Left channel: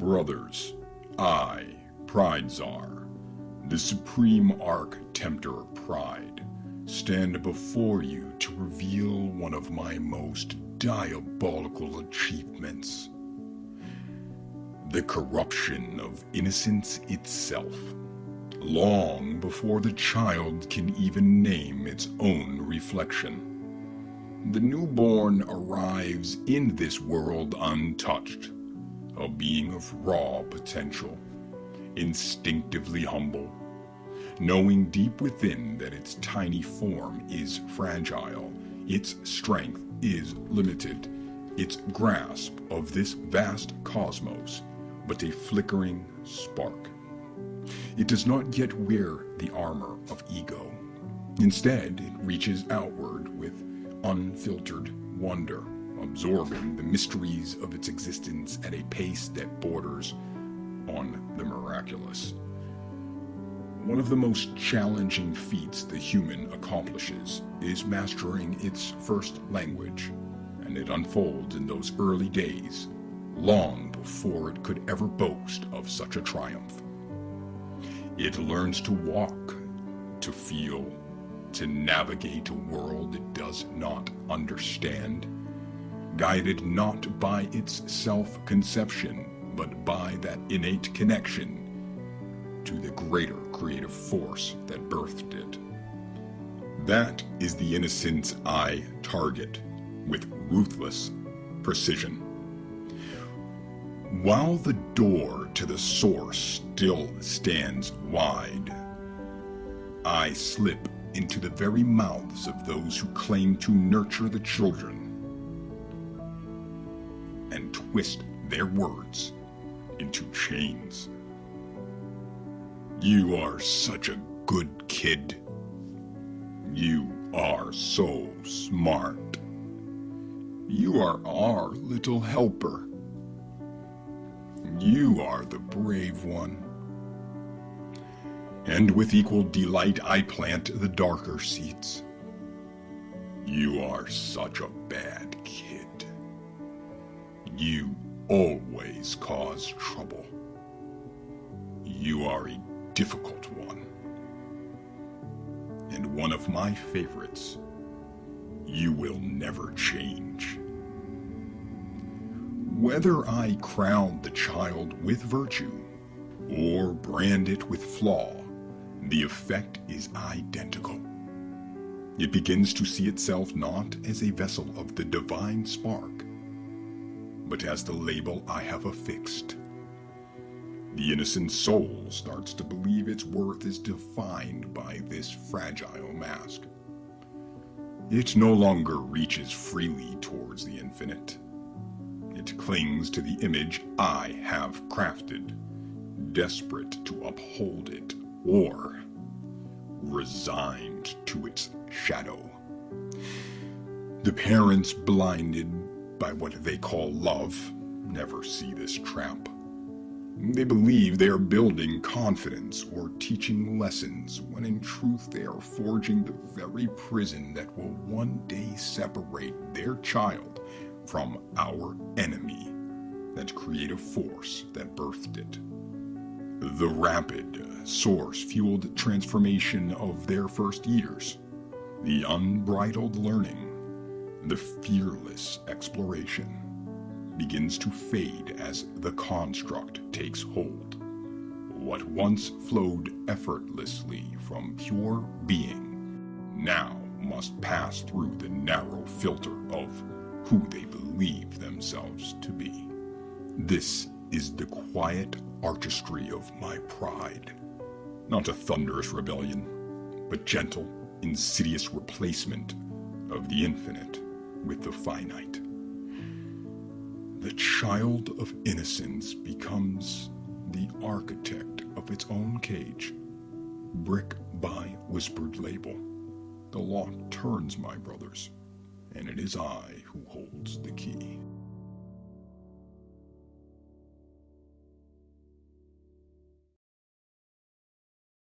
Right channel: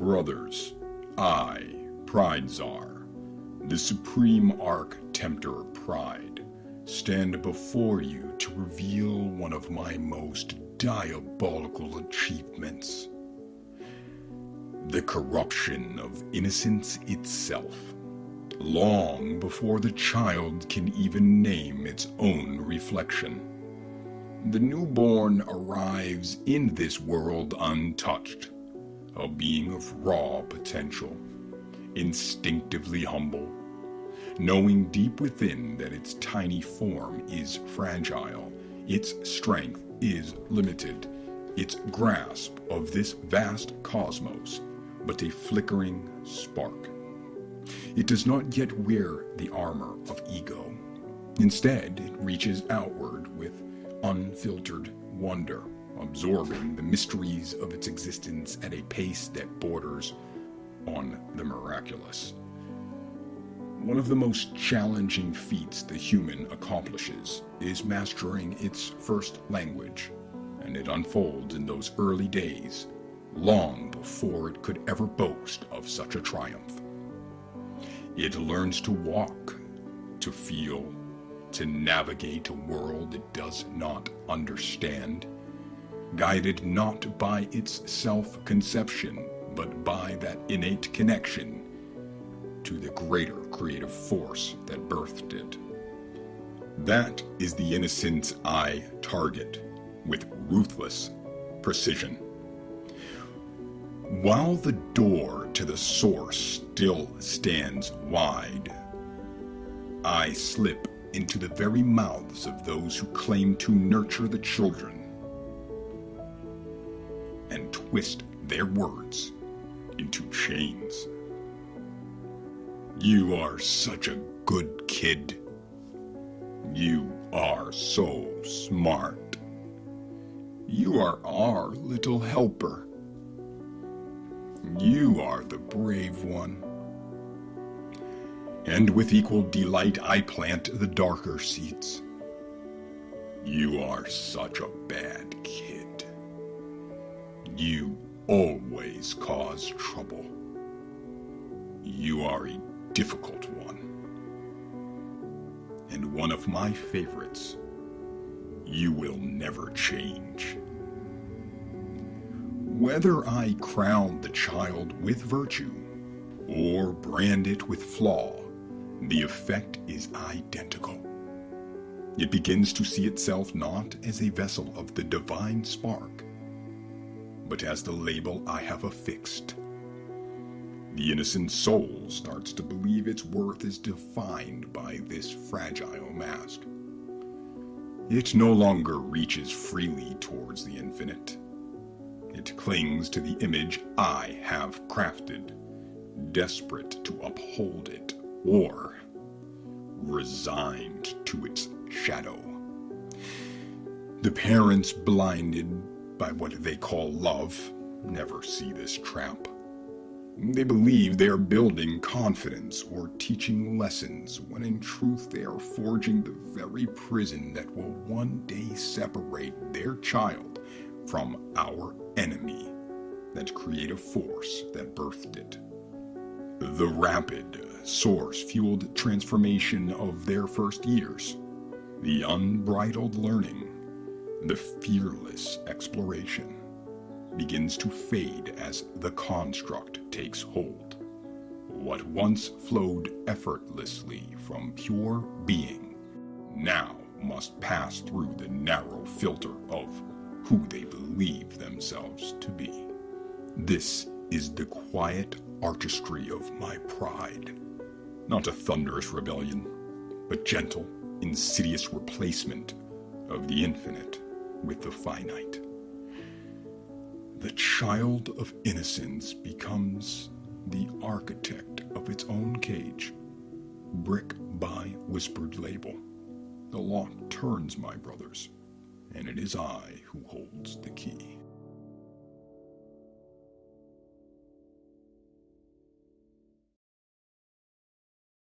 Brothers, I, Pridezar, the supreme arch-tempter Pride, stand before you to reveal one of my most diabolical achievements. The corruption of innocence itself, long before the child can even name its own reflection. The newborn arrives in this world untouched, a being of raw potential, instinctively humble, knowing deep within that its tiny form is fragile, its strength is limited, its grasp of this vast cosmos but a flickering spark. It does not yet wear the armor of ego. Instead, it reaches outward with unfiltered wonder, absorbing the mysteries of its existence at a pace that borders on the miraculous. One of the most challenging feats the human accomplishes is mastering its first language, and it unfolds in those early days, long before it could ever boast of such a triumph. It learns to walk, to feel, to navigate a world it does not understand, guided not by its self-conception, but by that innate connection to the greater creative force that birthed it. That is the innocence I target with ruthless precision. While the door to the source still stands wide, I slip into the very mouths of those who claim to nurture the children and twist their words into chains. You are such a good kid. You are so smart. You are our little helper. You are the brave one. And with equal delight I plant the darker seeds. You are such a bad kid. You always cause trouble. You are a difficult one. And one of my favorites. You will never change. Whether I crown the child with virtue or brand it with flaw, the effect is identical. It begins to see itself not as a vessel of the divine spark, but as the label I have affixed. The innocent soul starts to believe its worth is defined by this fragile mask. It no longer reaches freely towards the infinite. It clings to the image I have crafted, desperate to uphold it, or resigned to its shadow. The parents, blinded by what they call love, never see this trap. They believe they are building confidence or teaching lessons, when in truth they are forging the very prison that will one day separate their child from our enemy, that creative force that birthed it. The rapid, source-fueled transformation of their first years, the unbridled learning, the fearless exploration, begins to fade as the construct takes hold. What once flowed effortlessly from pure being now must pass through the narrow filter of who they believe themselves to be. This is the quiet artistry of my pride, not a thunderous rebellion, but gentle, insidious replacement of the infinite with the finite. The child of innocence becomes the architect of its own cage, brick by whispered label. The lock turns, my brothers, and it is I who holds the key.